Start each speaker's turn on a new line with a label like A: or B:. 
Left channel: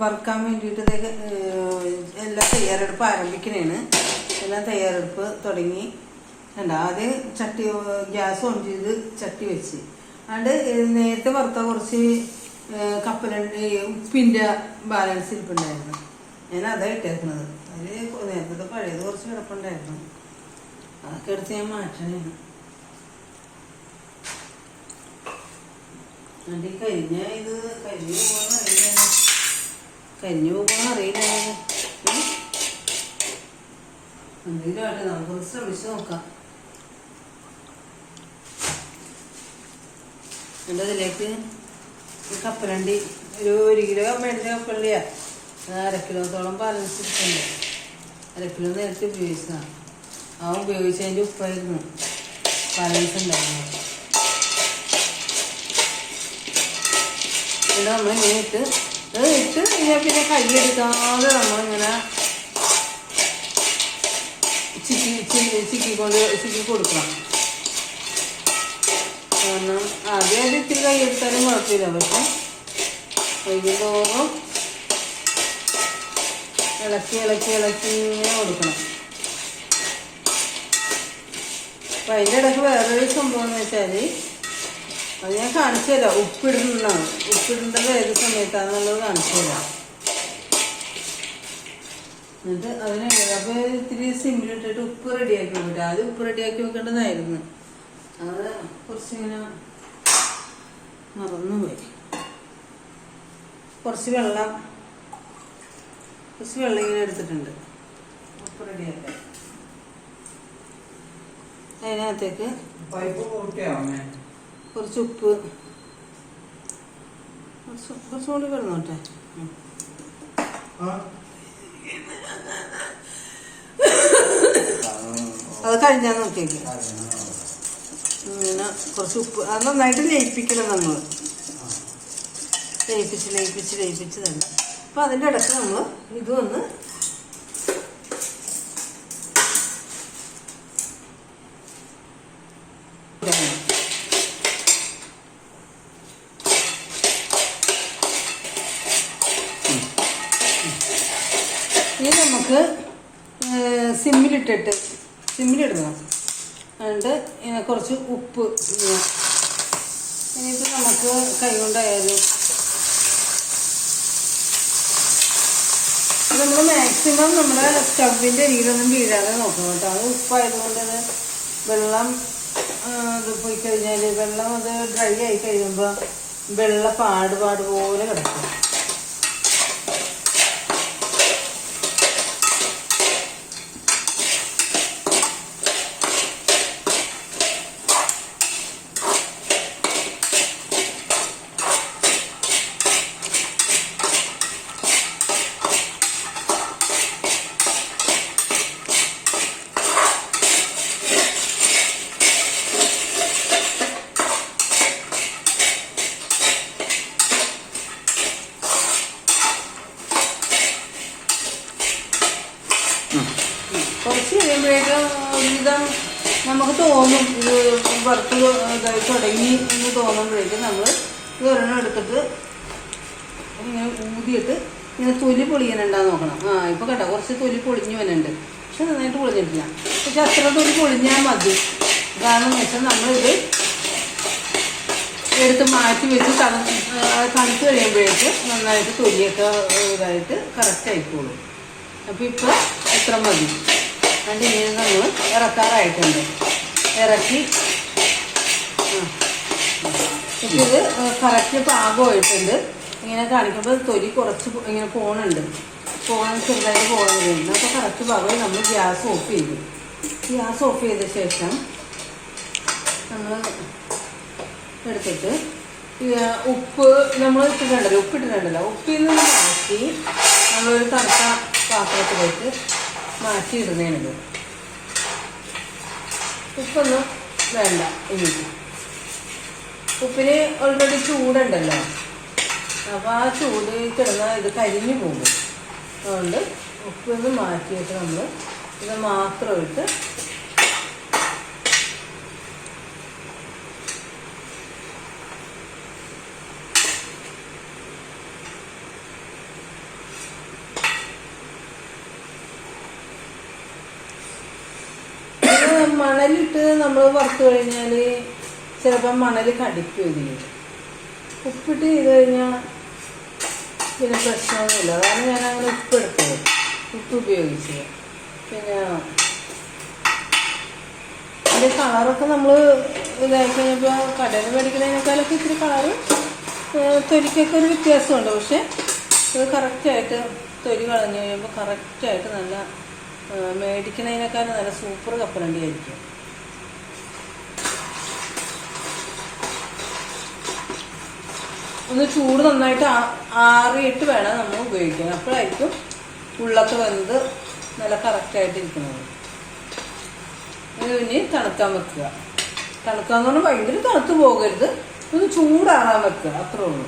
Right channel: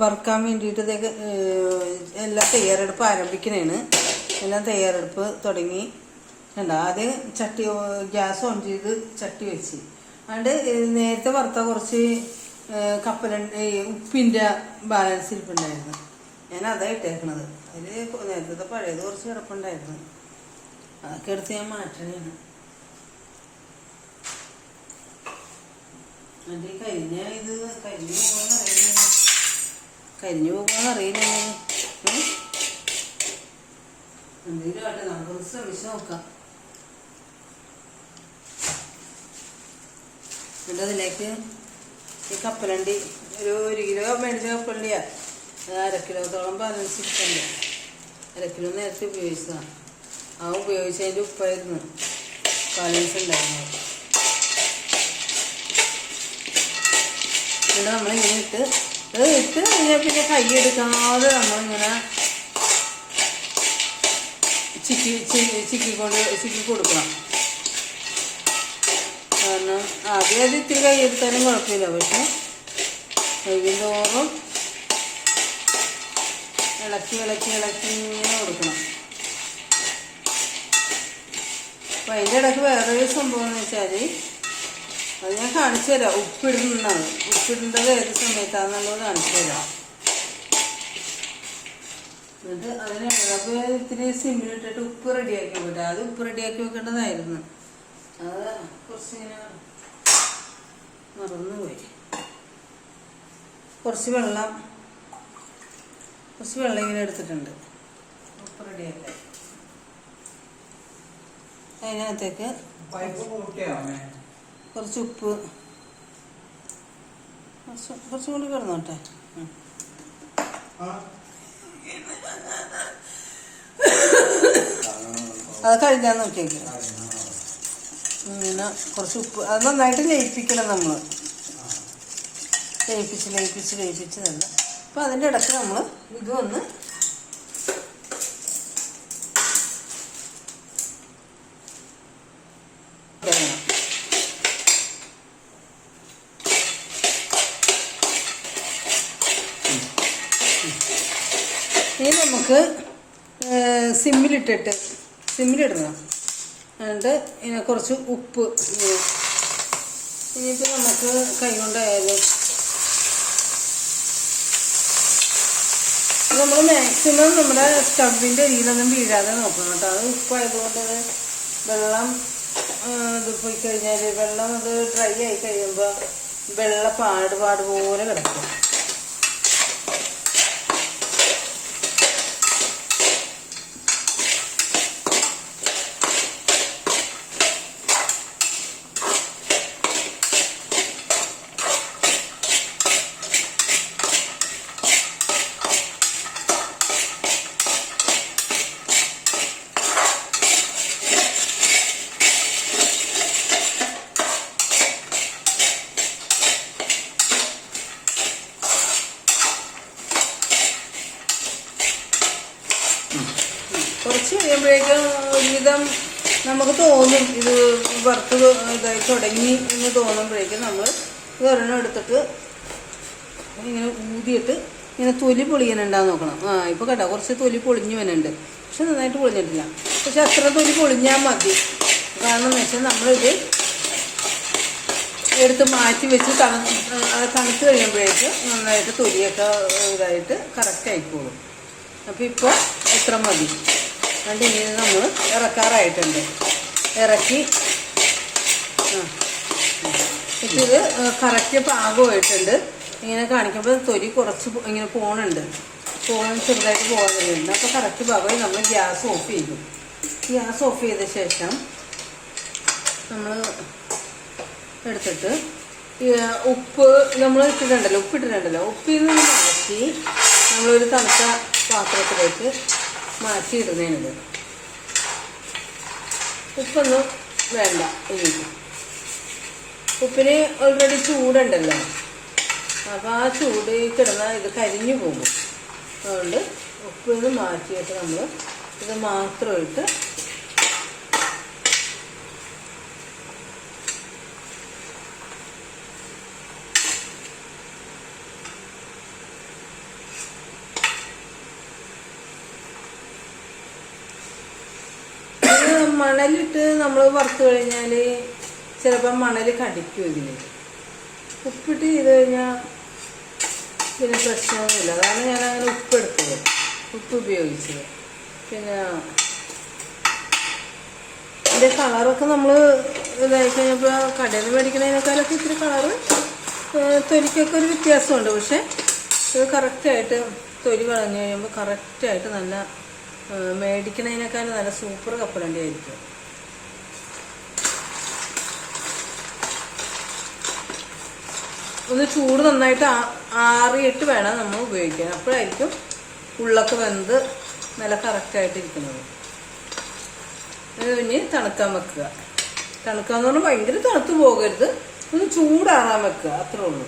A: വറുക്കാൻ വേണ്ടിയിട്ട് എല്ലാം തയ്യാറെടുപ്പ് ആരംഭിക്കണേണ്. എല്ലാം തയ്യാറെടുപ്പ് തുടങ്ങി. കണ്ട? ആദ്യം ചട്ടി ഗ്യാസ് ഓൺ ചെയ്ത് ചട്ടി വെച്ച്. അതുകൊണ്ട് നേരത്തെ വറുത്ത കുറച്ച് കപ്പല ഉപ്പിന്റെ ബാലൻസ് ഇരിപ്പുണ്ടായിരുന്നു. ഞാൻ അതാ ഇട്ടേക്കുന്നത് അതിൽ നേരത്തെ പഴയത് കുറച്ച് കിടപ്പുണ്ടായിരുന്നു. അതൊക്കെ എടുത്ത് ഞാൻ എന്നിട്ട് ഈ കരിഞ്ഞ ഇത് കരിഞ്ഞു കരിഞ്ഞു പോകുന്ന അറിയില്ല? എന്തെങ്കിലും നമുക്ക് നമുക്കൊന്ന് ശ്രമിച്ചു നോക്കാം. എന്നിട്ട് അതിലേക്ക്? ഈ കപ്പലണ്ടി. ഒരു ഒരു കിലോ മേടിച്ച കപ്പലണ്ടിയാ. അര കിലോത്തോളം ബാലൻസ് ഇട്ടുണ്ട് അര കിലോ നേരത്തെ ഉപയോഗിച്ചതാണ് ആ ഉപയോഗിച്ചതിന്റെ ഉപ്പായിരുന്നു. ബാലൻസ് ഉണ്ടായിരുന്നു ഇവിടെ നമ്മൾ ഇങ്ങനെ ഇത് ഇട്ട് കഴിഞ്ഞാൽ പിന്നെ കൈ എടുക്കാതെ നമ്മളിങ്ങനെ ചിക്കി ചിക്കി ചിക്കിക്കൊണ്ട് ചിക്കി കൊടുക്കണം. കാരണം ആദ്യം അത് ഇത്തിരി കൈ എടുത്താലും കുഴപ്പമില്ല. പക്ഷെ വൈകുന്നോറും ഇളക്കി ഇളക്കി ഇളക്കി ഇങ്ങനെ കൊടുക്കണം. അപ്പം അതിന്റെ ഇടയ്ക്ക് വേറൊരു സംഭവം എന്ന് വെച്ചാൽ അത് ഞാൻ കാണിച്ചു തരാം ഉപ്പിടുന്നതാണ്. ഉപ്പിടേണ്ടത് ഏത് സമയത്താണെന്നുള്ളത് കാണിച്ചു തരാം എന്നിട്ട് അതിന് ഇളക് ഇത്തിരി സിമ്മിലിട്ടിട്ട് ഉപ്പ് റെഡിയാക്കി വെക്കട്ടെ അത് ഉപ്പ് റെഡിയാക്കി വെക്കേണ്ടതായിരുന്നു. അത് കുറച്ചിങ്ങനെ മറന്നുപോയി. കുറച്ച് വെള്ളം കുറച്ച് വെള്ളം ഇങ്ങനെ എടുത്തിട്ടുണ്ട്. ഉപ്പ് റെഡിയാക്കാൻ. അതിനകത്തേക്ക്
B: പൈപ്പ് പൊട്ടിയാവേ
A: കുറച്ച് ഉപ്പ്. കുറച്ച് കുറച്ചും കൂടി കിടന്നോട്ടെ. അത് കഴിഞ്ഞാൽ നോക്കിയേക്ക് ഇങ്ങനെ കുറച്ച് ഉപ്പ്. അത് നന്നായിട്ട് ലയിപ്പിക്കണം നമ്മൾ ലയിപ്പിച്ച് ലയിപ്പിച്ച് ലയിപ്പിച്ച് തന്നെ അപ്പം അതിന്റെ ഇടയ്ക്ക് നമ്മൾ ഇത് ഇടണം. ഇനി നമുക്ക് സിമ്മിലിട്ടിട്ട് സിമ്മിലിടണം. എന്നിട്ട് കുറച്ച് ഉപ്പ് ഇത് നമുക്ക് കൈ കൊണ്ടായാലും. നമ്മൾ മാക്സിമം നമ്മുടെ സ്റ്റവിന്റെ അരിയിലൊന്നും വീഴാതെ നോക്കണം കേട്ടോ. അത് ഉപ്പായതുകൊണ്ട് വെള്ളം ഇത് പോയി കഴിഞ്ഞാൽ വെള്ളം അത് ഡ്രൈ ആയി കഴിയുമ്പോൾ വെള്ള പാട് പാട് പോലെ കിടക്കും. കുറച്ച് കഴിയുമ്പോഴേക്കും ഒരുവിധം നമുക്ക് തോന്നും ഇത് വറുത്ത് തുടങ്ങി എന്ന് തോന്നുമ്പോഴേക്കും നമ്മൾ ഇതൊരെണ്ണം എടുത്തിട്ട് ഇങ്ങനെ ഊതിയിട്ട് ഇങ്ങനെ തൊലി പൊളിയനുണ്ടാന്ന് നോക്കണം. ആ ഇപ്പൊ കേട്ടോ കുറച്ച് തൊലി പൊളിഞ്ഞു വനുണ്ട് പക്ഷെ നന്നായിട്ട് പൊളിഞ്ഞിട്ടില്ല. പക്ഷെ അത്ര തൊലി പൊളിഞ്ഞാൽ മതി. കാരണം വെച്ചാൽ നമ്മളിത് എടുത്ത് മാറ്റി വെച്ച് തണു തണുത്ത് കഴിയുമ്പോഴേക്ക് നന്നായിട്ട് തൊലിയൊക്കെ ഇതായിട്ട് കറക്റ്റ് ആയിക്കോളും. അപ്പോൾ ഇപ്പോൾ എത്ര മതി. രണ്ട് മീൻ നമ്മൾ ഇറക്കാറായിട്ടുണ്ട്. ഇറക്കി. ഇത് കറക്റ്റ് പാകമായിട്ടുണ്ട്. ഇങ്ങനെ കാണിക്കുമ്പോൾ തൊലി കുറച്ച് ഇങ്ങനെ പോണുണ്ട്. പോകാൻ ചെറുതായിട്ട് പോകുന്നുണ്ട് അപ്പോൾ കറക്റ്റ് പാകമായി നമ്മൾ ഗ്യാസ് ഓഫ് ചെയ്തു. ഗ്യാസ് ഓഫ് ചെയ്ത ശേഷം നമ്മൾ എടുത്തിട്ട് ഉപ്പ് നമ്മൾ ഇട്ടിട്ടുണ്ടല്ലോ ഉപ്പ് ഇട്ടിട്ടുണ്ടല്ലോ ഉപ്പിൽ നിന്ന് മാറ്റി നമ്മളൊരു തണുത്ത പാത്രത്തിലേക്ക് മാറ്റി ഇടുന്നതിനത് ഉപ്പൊന്നും വേണ്ട ഇനി ഉപ്പിന് ഓൾറെഡി ചൂടുണ്ടല്ലോ. അപ്പോൾ ആ ചൂട് കിടന്ന ഇത് കരിഞ്ഞു പോകും. അതുകൊണ്ട് ഉപ്പൊന്ന് മാറ്റിയിട്ട് നമ്മൾ ഇത് മാത്രമായിട്ട് മണലിട്ട് നമ്മൾ വറുത്ത് കഴിഞ്ഞാൽ ചിലപ്പോൾ മണൽ കടിക്കും ഇതിന് ഉപ്പിട്ട് ചെയ്ത് കഴിഞ്ഞാൽ പിന്നെ പ്രശ്നമൊന്നുമില്ല. അതാണ് ഞാൻ അങ്ങനെ ഉപ്പെടുത്തത്. ഉപ്പ് ഉപയോഗിച്ചത് പിന്നെ അതിന്റെ കളറൊക്കെ നമ്മൾ ഇതായിക്കഴിഞ്ഞപ്പോൾ കടയിൽ മേടിക്കുന്നതിനേക്കാളൊക്കെ ഇത്തിരി കളറ് തൊലിക്കൊക്കെ ഒരു വ്യത്യാസമുണ്ട്. പക്ഷെ ഇത് കറക്റ്റായിട്ട് തൊലി കളഞ്ഞു കഴിയുമ്പോൾ കറക്റ്റായിട്ട് നല്ല ആ, മേടിക്കുന്നതിനേക്കാളും നല്ല സൂപ്പർ കപ്പലണ്ടി ആയിരിക്കും ഒന്ന് ചൂട് നന്നായിട്ട് ആറിയിട്ട് വേണം നമ്മൾ ഉപയോഗിക്കാൻ. അപ്പോഴായിരിക്കും ഉള്ളൊക്കെ വെന്ത് നല്ല കറക്റ്റായിട്ട് ഇരിക്കുന്നത്. ഇനി തണുക്കാൻ വെക്കുക. തണുക്കാന്ന് പറഞ്ഞാൽ ഭയങ്കര തണുത്ത് പോകരുത്. ഒന്ന് ചൂടാറാൻ വെക്കുക അത്രേ ഉള്ളൂ.